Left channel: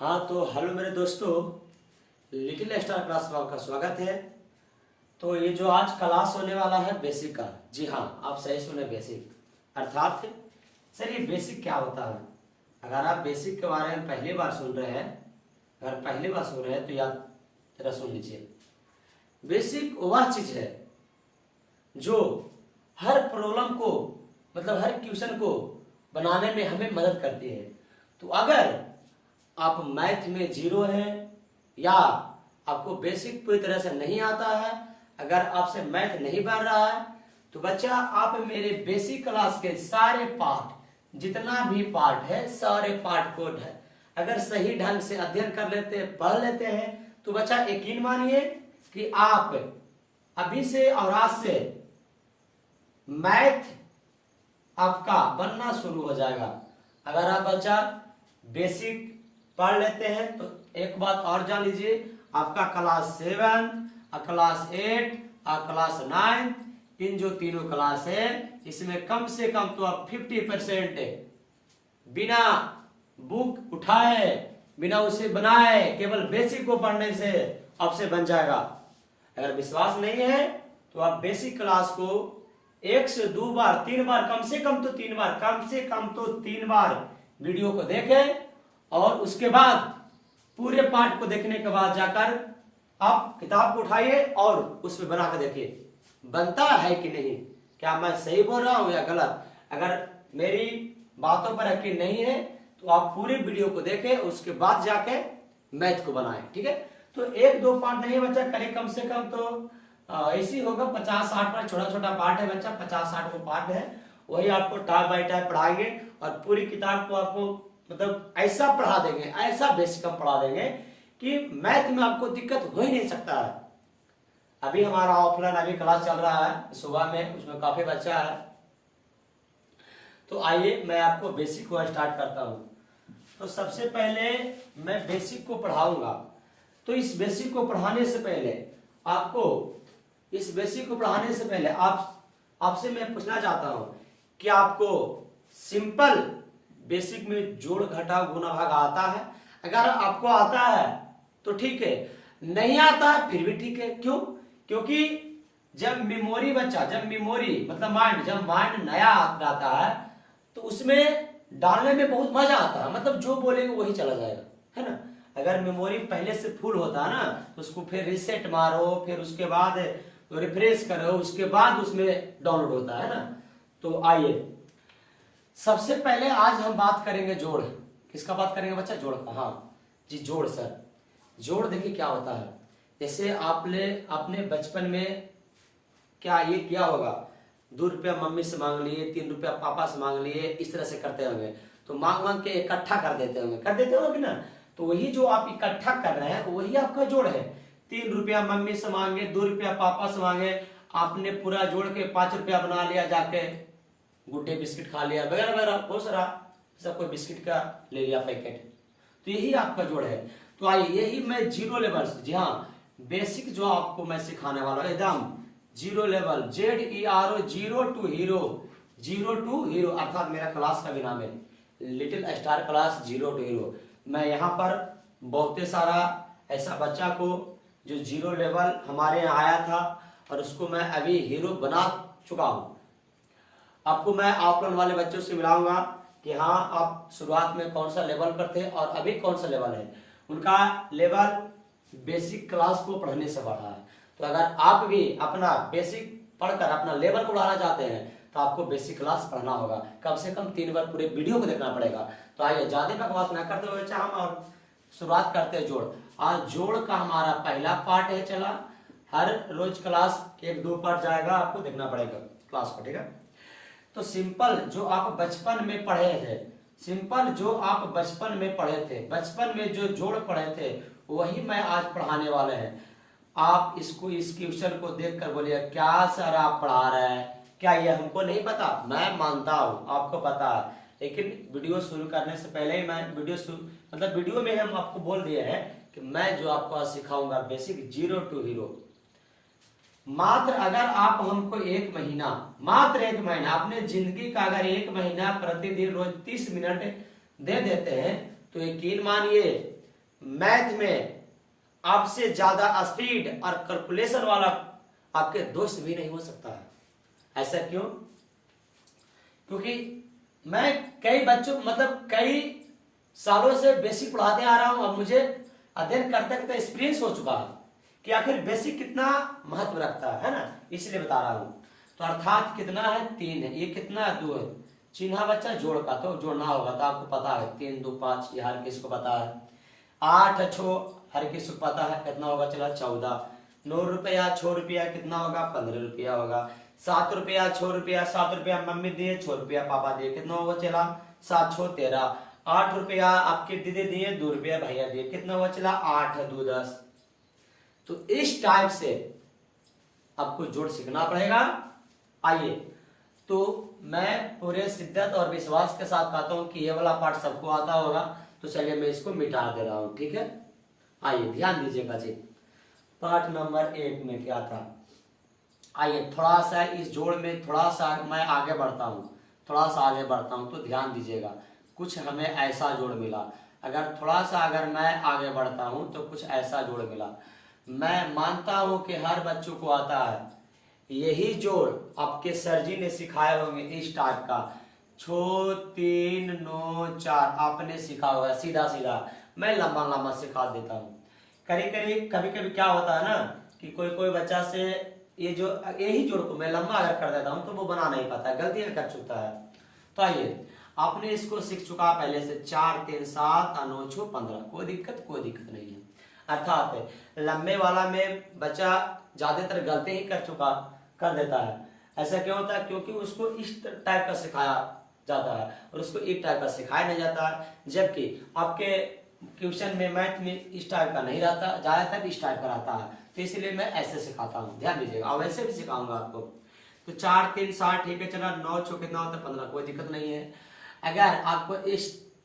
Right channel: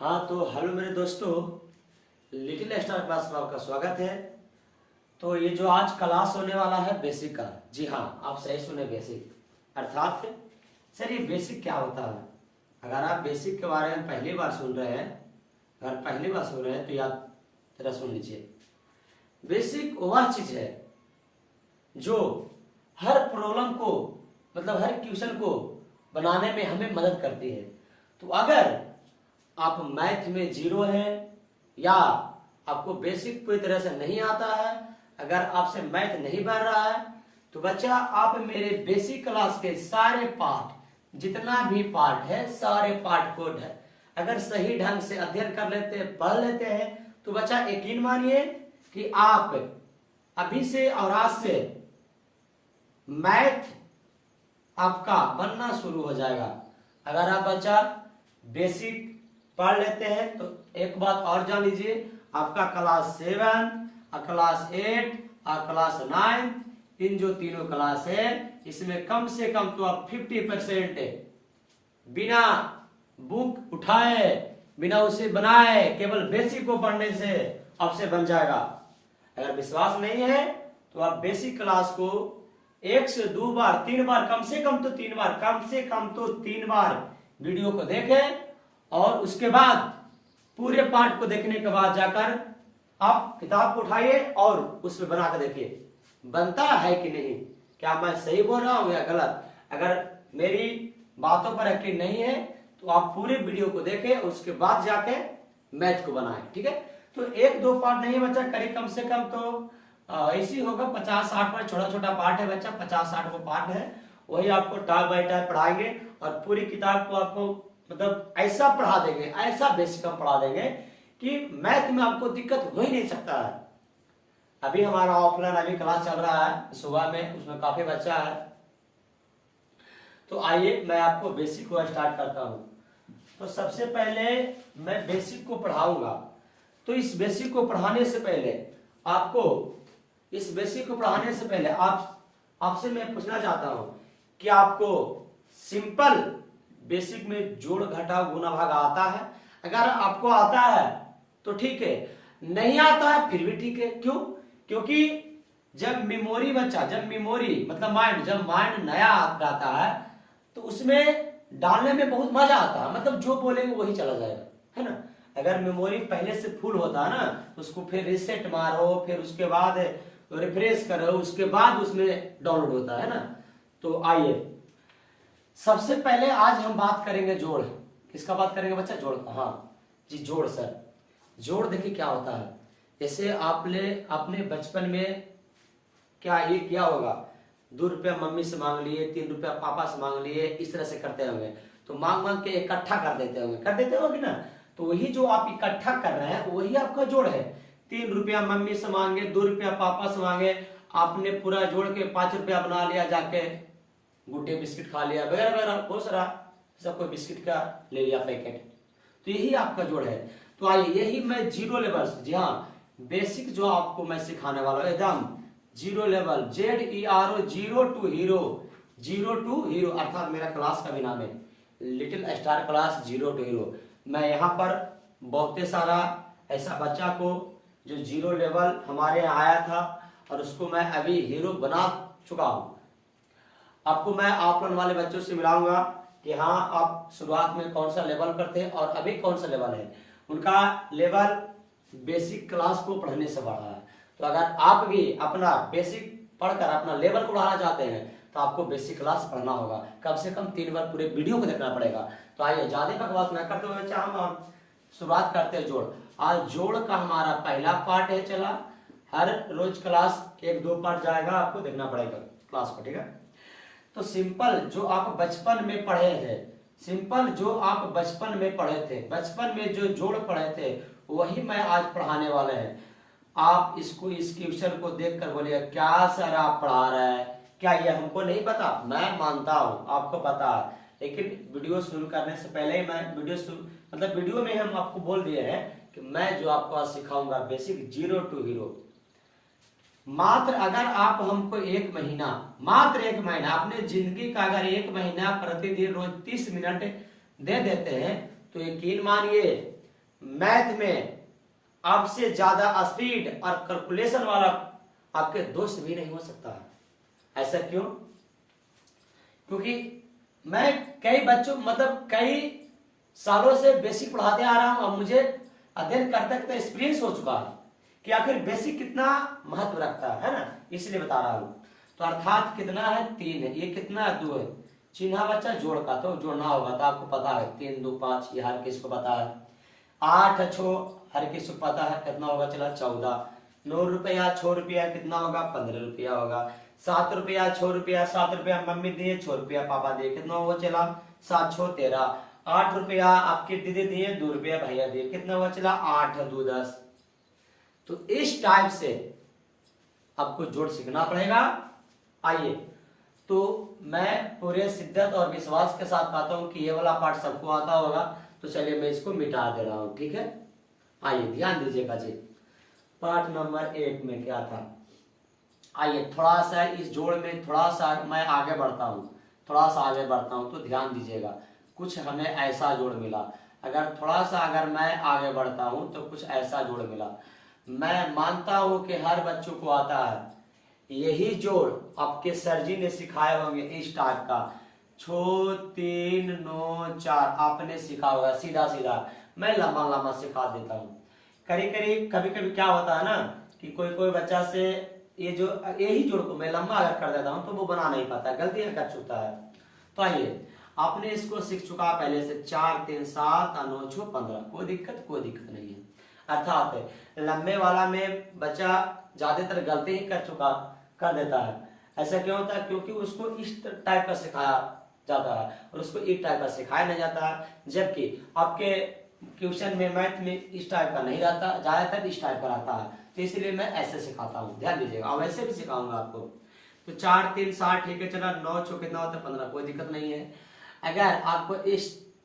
हाँ तो हेलो मेरे दोस्तों, लिटिल स्टार क्लास में आपका स्वागत है। तो ये जो आज क्लास होने वाला है बेसिक का, जी हाँ आप सही सुने, बेसिक अर्थात सर ये बेसिक क्या होता है। अगर आप बेसिक के बारे में पहली बार सुन रहे हैं, अगर पहली बार सुन रहे हैं तो याद जरा सुन लीजिए। बेसिक वह चीज है जो हर प्रॉब्लम को मतलब हर क्वेश्चन को बनाने में हमें मदद करती है। तो अगर आप मैथ में जीरो है या आपको बेसिक पूरी तरह से नहीं आता है, अगर आपसे मैथ नहीं बन रहा है, तो बच्चा आप मेरे बेसिक क्लास के सारे पार्ट, जितना भी पार्ट है सारे पार्ट को अगर सही ढंग से अध्ययन कर लेते हैं, पढ़ लेते हैं, तो बच्चा यकीन मानिए कि आप अभी से और आज से मैथ आपका बनना शुरू हो जाएगा। अगर आप बच्चा बेसिक पढ़ लेते हैं तो एक बात और जान लीजिए, आपका क्लास 7, क्लास 8 और क्लास 9, इन जो तीनों क्लास है इसमें कम से कम तो आप 50% बिना बुक उठाए, बिना उसे बनाए, केवल बेसिक को पढ़ने से आपसे बन जाएगा। अगर विश्वास नहीं है तो आप बेसिक क्लास को 1 से 2 बार 3 बार, कम से कम तो 3 बार, कम से कम तो 3 बार वीडियो को देखें और उसके बाद पूरे पाठ को देखने के बाद जाकर आप किताब को उठाइए और उसमें बना कर देखिए बनता है कि नहीं, क्या मैं सही बोल रहा हूं या गलत। अगर मेरी बातों पर यकीन नहीं है तो आप पूरे वीडियो को देखें, उसके बाद जाके मैथ को बनाएं, ठीक है। तो 1-2 पार्ट नहीं है बच्चा, करीब कम से कम तो ऐसी होगा 50-60 पार्ट, छोटा छोटा पार्ट है बच्चा, 50-60 को पार्ट है, वही आपको टाइप बाय टाइप पढ़ाएंगे और पूरी किताब को आपको मतलब ऐसा पढ़ा देंगे, ऐसा बेसिक हम पढ़ा देंगे कि मैथ में आपको दिक्कत हो ही नहीं सकता है। अभी हमारा ऑफलाइन अभी क्लास चल रहा है सुबह में, उसमें काफी बच्चा है। तो आइए मैं आपको बेसिक को स्टार्ट करता हूं। तो सबसे पहले मैं बेसिक को पढ़ाऊंगा। तो इस बेसिक को पढ़ाने से पहले आपसे मैं पूछना चाहता हूं कि आपको सिंपल बेसिक में जोड़ घटाव गुणा भाग आता है। अगर आपको आता है तो ठीक है, नहीं आता है फिर भी ठीक है। क्यों? क्योंकि जब मेमोरी मतलब माइंड नया रहता है तो उसमें डालने में बहुत मजा आता है, मतलब जो बोलेंगे वही चला जाएगा, है ना। अगर मेमोरी पहले से फुल होता है ना तो उसको फिर रिसेट मारो, फिर उसके बाद रिफ्रेश करो, उसके बाद उसमें डाउनलोड होता है ना। तो आइए सबसे पहले आज हम बात करेंगे जोड़। किसका बात करेंगे बच्चा? जोड़ का। हाँ जी, जोड़। सर जोड़ देखिए क्या होता है। जैसे आपने बचपन में क्या ये किया होगा, 2 रुपया मम्मी से मांग लिए, 3 रुपया पापा से मांग लिए, इस तरह से करते होंगे। तो मांग मांग के इकट्ठा कर देते होंगे ना। तो वही जो आप इकट्ठा कर रहे हैं वही आपका जोड़ है। 3 रुपया मम्मी से मांगे, 2 रुपया पापा से मांगे, आपने पूरा जोड़ के 5 रुपया बना लिया, जाके गुड्डे बिस्किट खा लिया वगैरह वगैरह, बहुत सारा सब कोई बिस्किट का ले लिया पैकेट। तो यही आपका जोड़ है। तो आइए यही मैं जीरो लेवल, जी हाँ बेसिक जो आपको मैं सिखाने वाला हूं एकदम zero level, ZERO, zero to hero, अर्थात मेरा क्लास का भी नाम है little star class zero to hero. मैं यहाँ पर बहुत सारा ऐसा बच्चा को जो जीरो लेवल हमारे यहाँ आया था और उसको मैं अभी हीरो बना चुका हूं। आपको मैं ऑफलाइन वाले बच्चों से मिलाऊंगा कि हाँ आप शुरुआत में कौन सा लेवल पर थे और अभी कौन सा लेवल है। उनका लेवल बेसिक क्लास को पढ़ने से बढ़ा है। तो अगर आप भी अपना बेसिक पढ़कर अपना लेवल को बढ़ाना चाहते हैं तो आपको बेसिक क्लास पढ़ना होगा, कम से कम 3 बार पूरे वीडियो को देखना पड़ेगा। तो आइए ज्यादा बकवास न करते हुए हम और शुरुआत करते हैं जोड़। आज जोड़ का हमारा पहला पार्ट है। चला हर रोज क्लास 1-2 पार्ट जाएगा, आपको देखना पड़ेगा क्लास को, ठीक है। तो सिंपल जो आप बचपन में पढ़े थे, बचपन में जो जोड़ पढ़े थे वही मैं आज पढ़ाने वाले हैं। आप इसको इस क्वेश्चन को देखकर बोलिए क्या सर आप पढ़ा रहे हैं, क्या ये हमको नहीं पता? मैं मानता हूं आपको पता है, लेकिन वीडियो शुरू करने से पहले ही मैं वीडियो में हम आपको बोल दिए हैं कि मैं जो आपको आज सिखाऊंगा बेसिक जीरो टू हीरो। मात्र अगर आप हमको 1 महीना, मात्र 1 महीना, अपने जिंदगी का अगर 1 महीना प्रतिदिन रोज 30 मिनट दे देते हैं तो यकीन मानिए मैथ में आपसे ज्यादा स्पीड और कैलकुलेशन वाला आपके दोस्त भी नहीं हो सकता है। ऐसा क्यों? क्योंकि मैं कई बच्चों मतलब कई सालों से बेसिक पढ़ाते आ रहा हूं, अब मुझे अध्ययन करते करते एक्सपीरियंस हो चुका है कि आखिर बेसिक कितना महत्व रखता है ना, इसलिए बता रहा हूं। तो अर्थात कितना है? 3 है। ये कितना है? 2 है। चिन्हा बच्चा जोड़ का, तो जोड़ना होगा तो आपको पता है 3 2 5, ये हर किसी को पता है। 8 छो हर किसी को पता है, कितना होगा? चला 14। 9 रुपया 6 रुपया कितना होगा? 15 रुपया होगा। 7 रुपया 6 रुपया, 7 रुपया मम्मी दिए, 6 रुपया पापा दिए, कितना होगा? चला 7 6 13। 8 रुपया आपके दीदी दिए, 2 रुपया भैया दिए, कितना हुआ? चला 8 2 10। तो इस टाइप से आपको जोड़ सीखना पड़ेगा। आइए, तो मैं पूरे शिद्दत और विश्वास के साथ कहता हूं कि ये वाला पार्ट सबको आता होगा, तो चलिए मैं इसको मिटा दे रहा हूं, ठीक है। आइए ध्यान दीजिएगा जी, पार्ट नंबर 1 में क्या था। आइए थोड़ा सा इस जोड़ में थोड़ा सा मैं आगे बढ़ता हूं, थोड़ा सा आगे बढ़ता हूं, तो ध्यान दीजिएगा। कुछ हमें ऐसा जोड़ मिला, अगर थोड़ा सा अगर मैं आगे बढ़ता हूं तो कुछ ऐसा जोड़ मिला। मैं मानता हूं कि हर बच्चों को आता है यही जोड़, आपके सर जी ने सिखाए होंगे इस टाइप का, 6 3 9 4 आपने सीखा होगा सीधा सीधा। मैं लंबा लंबा सिखा देता हूँ। कभी कभी क्या होता है ना कि कोई कोई बच्चा से ये जो यही जोड़ को मैं लंबा अगर कर देता हूँ तो वो बना नहीं पाता, गलतियां कर चुका है। तो आइए, आपने इसको सीख चुका पहले से, 4 3 7 और 9 6 15, कोई दिक्कत नहीं है। अर्थात लंबे वाला में बच्चा ज्यादातर गलती ही कर देता है। ऐसा क्यों होता है? क्योंकि उसको इस टाइप का सिखाया जाता है और उसको इस टाइप का सिखाया नहीं जाता है, जबकि आपके ट्यूशन में मैथ में इस टाइप का नहीं रहता, ज्यादातर इस टाइप का रहता है। तो इसलिए मैं ऐसे सिखाता हूँ, ध्यान दीजिएगा। और वैसे भी सिखाऊंगा आपको। तो 4 3 7 ठीक है, चला 9 6 कितना होता है? 15, कोई दिक्कत नहीं है। अगर आपको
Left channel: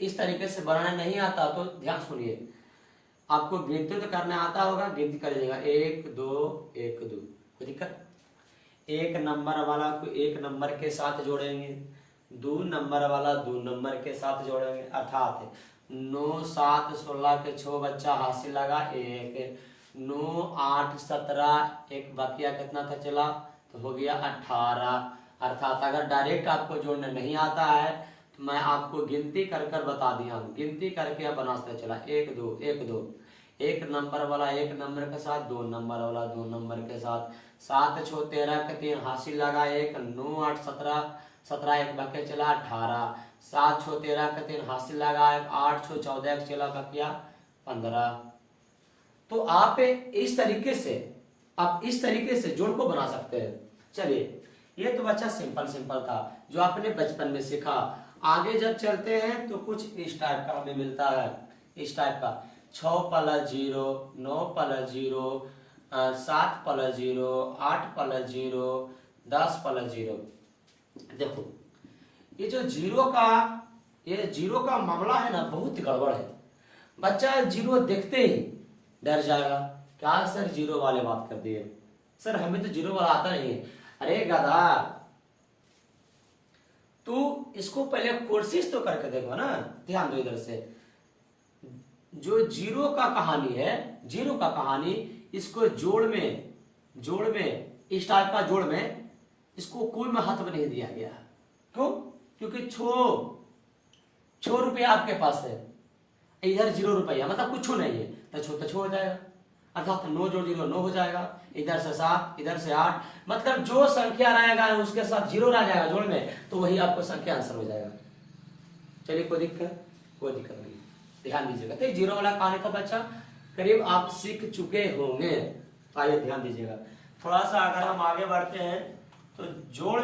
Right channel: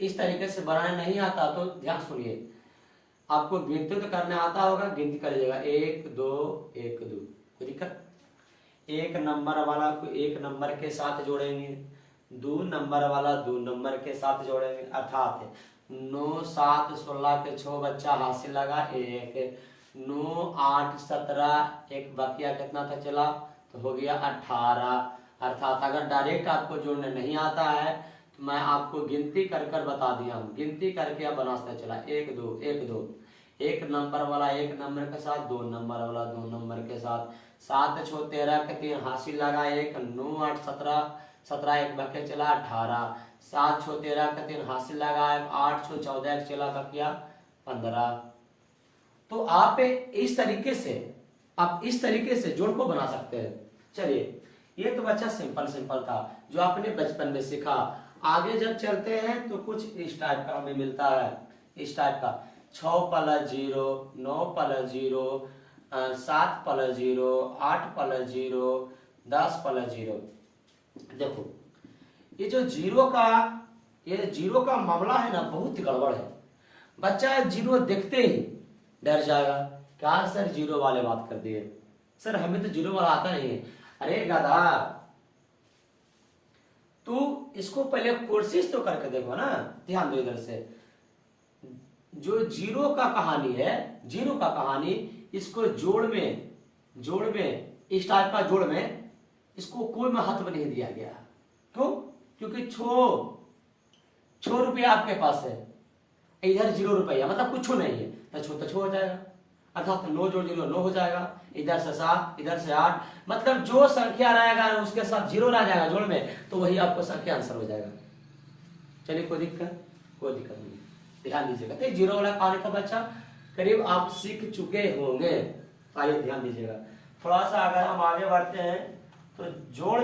इस तरीके से बनाना नहीं आता तो ध्यान सुनिए, आपको गिनती तो करना आता होगा, गिनती कर लीजिएगा 1 2 1 2, कोई दिक्कत। 1 नंबर वाला को 1 नंबर के साथ जोड़ेंगे, 2 नंबर वाला 2 नंबर के साथ जोड़ेंगे। अर्थात 9 7 16 के 6 बच्चा हासिल लगा 1, 9 8 17, एक बकिया कितना था? चला तो हो गया 18। अर्थात अगर डायरेक्ट आपको जोड़ने नहीं आता है तो मैं आपको गिनती कर बता दिया हूँ, गिनती करके आप बना सकते। चला 1 2 1 2, 1 नंबर वाला 1 नंबर के साथ, 2 नंबर वाला 2 नंबर के साथ, 7 6 13 के 3 हासिल लगा 1, 9 8 17, 17 एक बके चला 18, 7 6 13 के 3 हासिल लगा 8 6 14 एक चला बकिया 15। तो आप इस तरीके से जोड़ को बना सकते हैं। चलिए, ये तो बच्चा सिंपल था जो आपने बचपन में सीखा। आगे जब चलते हैं तो कुछ इस टाइप का हमें मिलता है, इस टाइप का 6 + 0, 9 + 0, 7 + 0, 8 + 0, 10 + 0। देखो ये जो जीरो का मामला है ना, बहुत गड़बड़ है। बच्चा जीरो देखते ही डर जाएगा, क्या सर जीरो वाले बात कर दिए, सर हमें तो जीरो वाला आता नहीं है। अरे गधा, तू इसको पहले कोशिश तो करके देखो ना, ध्यान दो इधर से। जो जीरो का कहानी इसको जोड़ में इस टाइप का जोड़ में इसको कोई महत्व नहीं दिया गया। क्यों? क्योंकि 6 रुपया आपके पास है, इधर 0 रुपया, मतलब कुछ नहीं है, तो छो हो जाएगा। अर्थात 9 जोड़ 0 9 हो जाएगा, इधर से 7 इधर से 8, मतलब जो संख्या रहेगा उसके साथ 0 रह जाएगा जोड़ में, तो वही आपको संख्या आंसर हो जाएगा। चलिए, कोई दिक्कत नहीं, ध्यान दीजिएगा। तो 0 वाला कहानी था बच्चा, करीब आप सीख चुके होंगे। आइए ध्यान दीजिएगा, थोड़ा सा अगर हम आगे बढ़ते हैं तो जोड़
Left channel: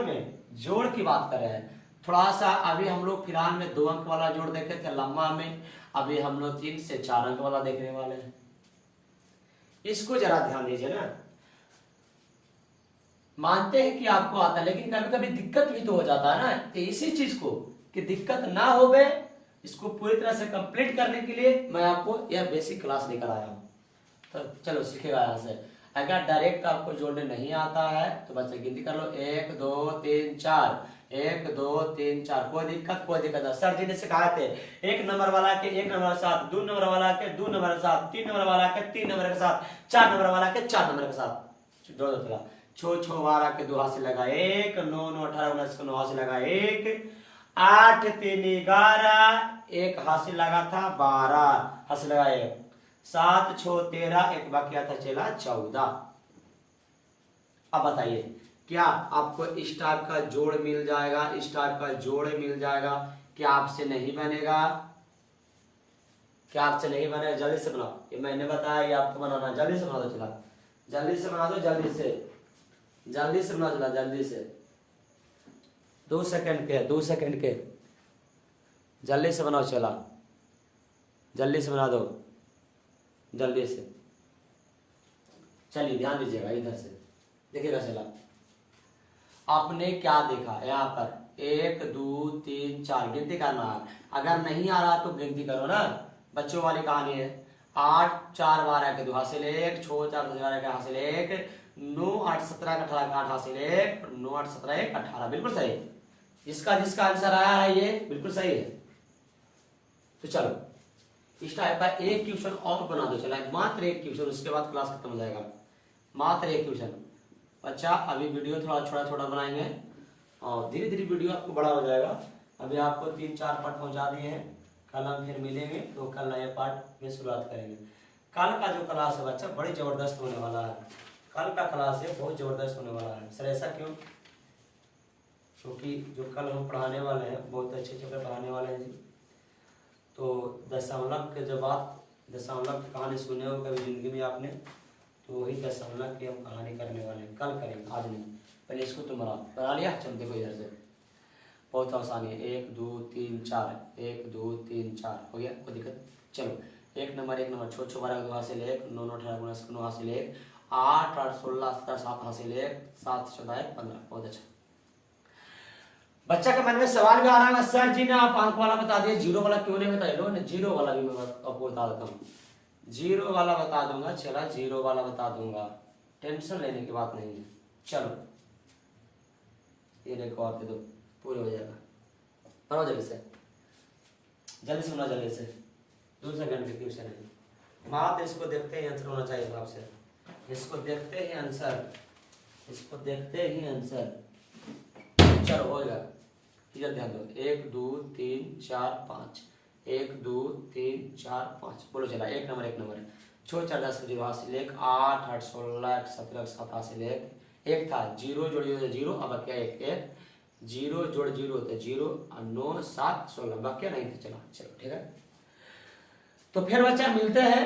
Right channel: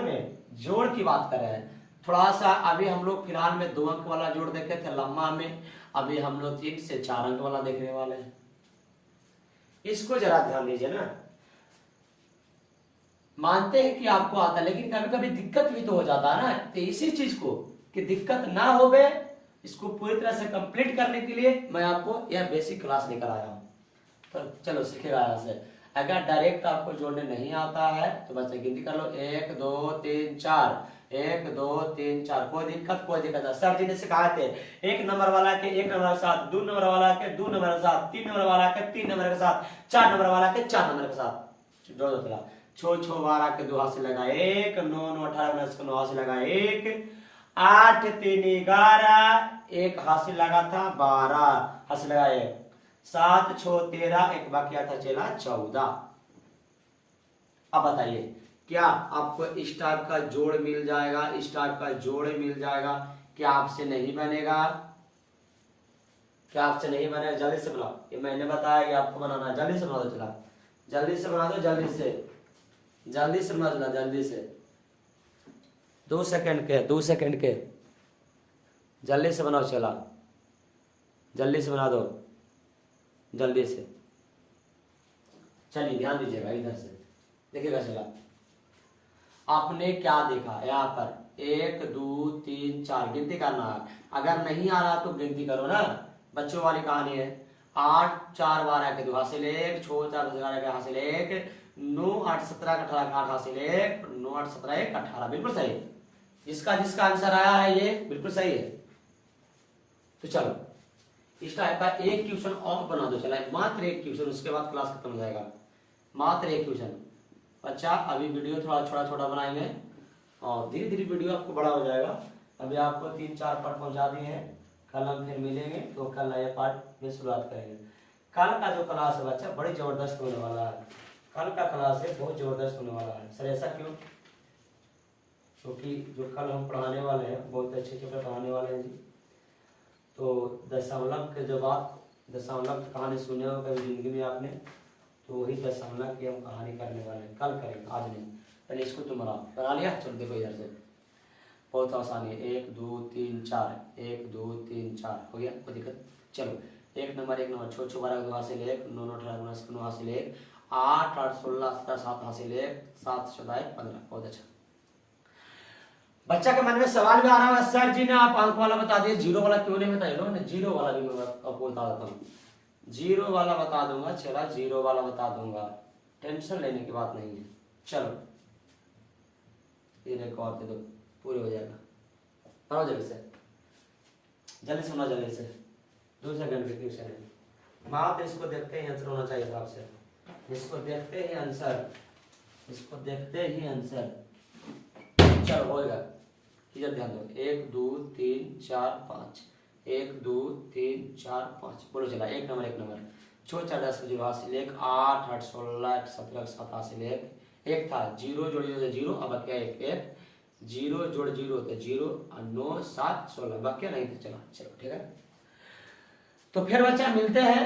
की बात कर रहे हैं। थोड़ा सा अभी हम लोग फिलहाल में 2 अंक वाला जोड़ देखे थे लम्बा में, अभी हम लोग 3 से 4 अंक वाला देखने वाले हैं। इसको जरा ध्यान दीजिए ना। मानते हैं कि आपको आता है, लेकिन कभी कभी दिक्कत भी तो हो जाता है ना, कि इसी चीज को कि दिक्कत ना हो गए, इसको पूरी तरह से कंप्लीट करने के लिए मैं आपको यह बेसिक क्लास लेकर आया हूं। तो चलो सीखेगा यहां से। अगर डायरेक्ट आपको जोड़ने नहीं आता है तो बच्चे गिनती कर लो, 1 2 3 4, 1 2 3 4। कोई दिक्कत नहीं। सर जी ने सिखाए थे 1 नंबर वाला के 1 नंबर के साथ, 2 नंबर वाला के 2 नंबर के साथ, 3 नंबर वाला के 3 नंबर के साथ, 4 नंबर वाला के 4 नंबर के साथ। दो चला 6 6 12 के 2 हाथ से लगा 1, 9 9 18 19 के 9 हाथ से लगा 1, 8 3 11 1 हाथ से लगा था 12 हाथ से लगा 1, 7 6 13 एक बाकी था चला 14। अब बताइए क्या आपको इस टाइप का जोड़ मिल जाएगा, इस टाइप का जोड़ मिल जाएगा? क्या आपसे नहीं बनेगा? क्या आपसे नहीं बनेगा? जल्दी से बनाओ, ये मैंने बताया ये आपको बनाना है। जल्दी से बना दो, चला जल्दी से बना दो, जल्दी से बना दो, जल्दी से 2 सेकंड के, 2 सेकंड के, जल्दी से बनाओ, चला जल्दी से बना दो, जल्दी से। चलिए ध्यान दीजिएगा, इधर से देखिएगा। चला आपने क्या देखा यहाँ पर 1 2 3 4 गिनती करना है। अगर नहीं आ रहा तो गिनती करो ना, बच्चों वाली कहानी है। 8 4 12 के 2 हासिल 1, 6 4 12 के हासिल 1, 9 8 17 के 18 के 8 हासिल 1, 9 8 17 1 18। बिल्कुल सही, जिसका आंसर आया है ये बिल्कुल सही है। तो चलो इस टाइप का एक क्वेश्चन और बना दो, चला मात्र एक क्वेश्चन, उसके बाद क्लास खत्म हो जाएगा। मात्र एक क्वेश्चन। अच्छा अभी वीडियो थोड़ा छोटा छोटा बनाएंगे और धीरे धीरे वीडियो आपको बड़ा हो जाएगा। अभी आपको 3 4 पार्ट पहुंचा दिए हैं, कल हम फिर मिलेंगे तो कल नए पार्ट में शुरुआत करेंगे। कल का जो क्लास है बच्चा बड़े जबरदस्त होने वाला है। कल का क्लास है बहुत जबरदस्त होने वाला है। सर ऐसा क्यों? क्योंकि जो कल हम पढ़ाने वाले हैं बहुत अच्छे से पढ़ाने वाले हैं जी। तो दशमलव के जब आप दशमलव की कहानी सुने हो कभी जिंदगी में आपने, तो वही दशमलव की हम कहानी करने वाले हैं, कल करेंगे, आज नहीं। पहले इसको तुम बना लिया? चलो देखो इधर से, बहुत आसानी है। 1 2 3 4, 1 2 3 4 हो गया, कोई दिक्कत? चलो 1 नंबर 6 6 12 2 हासिल 1, 9 9 18 19 9 हासिल 1, 8 8 16 17 7 हासिल 1, 7 14 15। बहुत अच्छा। बच्चा के मन में सवाल भी आ रहा है, सर जी ने आप अंक वाला बता दिए, जीरो वाला क्यों नहीं बताया? लो जीरो वाला भी मैं आपको बता देता हूँ, जीरो वाला बता दूंगा। चला जीरो वाला बता दूंगा, टेंशन लेने की बात नहीं है। चलो ये रिकॉर्ड दे दो, पूरे हो जाएगा। पढ़ो जल्दी से, जल्दी सुना, जल्दी से। 2 सेकंड के क्वेश्चन है, बात इसको देखते ही आंसर होना चाहिए आपसे। इसको देखते ही आंसर, इसको देखते ही आंसर। चलो होगा, इधर ध्यान दो। 1 2 3 4 5, 1 2 3 4 5। बोलो चला 1 नंबर 1 नंबर 6 4 10 जीरो हासिल 1, 8 8 16 17 7 हासिल 1, 1 था जीरो जोड़िए 0, अब क्या 1 1 0 जोड़ 0 होता 0, 9 7 16 बाकी नहीं थे। चला चलो ठीक है। तो फिर बच्चा मिलते हैं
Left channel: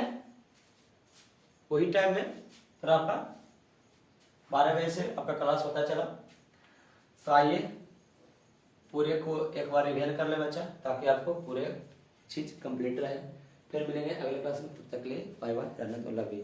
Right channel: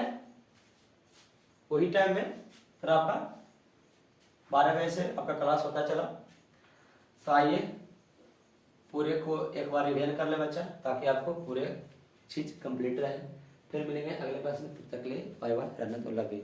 वही टाइम में, फिर आपका 12 बजे से आपका क्लास होता चला। तो आइए पूरे को एक बार रिवीजन कर ले बच्चा, ताकि आपको पूरे चीज कंप्लीट रहे। फिर मिलेंगे अगले क्लास में, तब तक के लिए बाय बाय, रहना तो लग गई।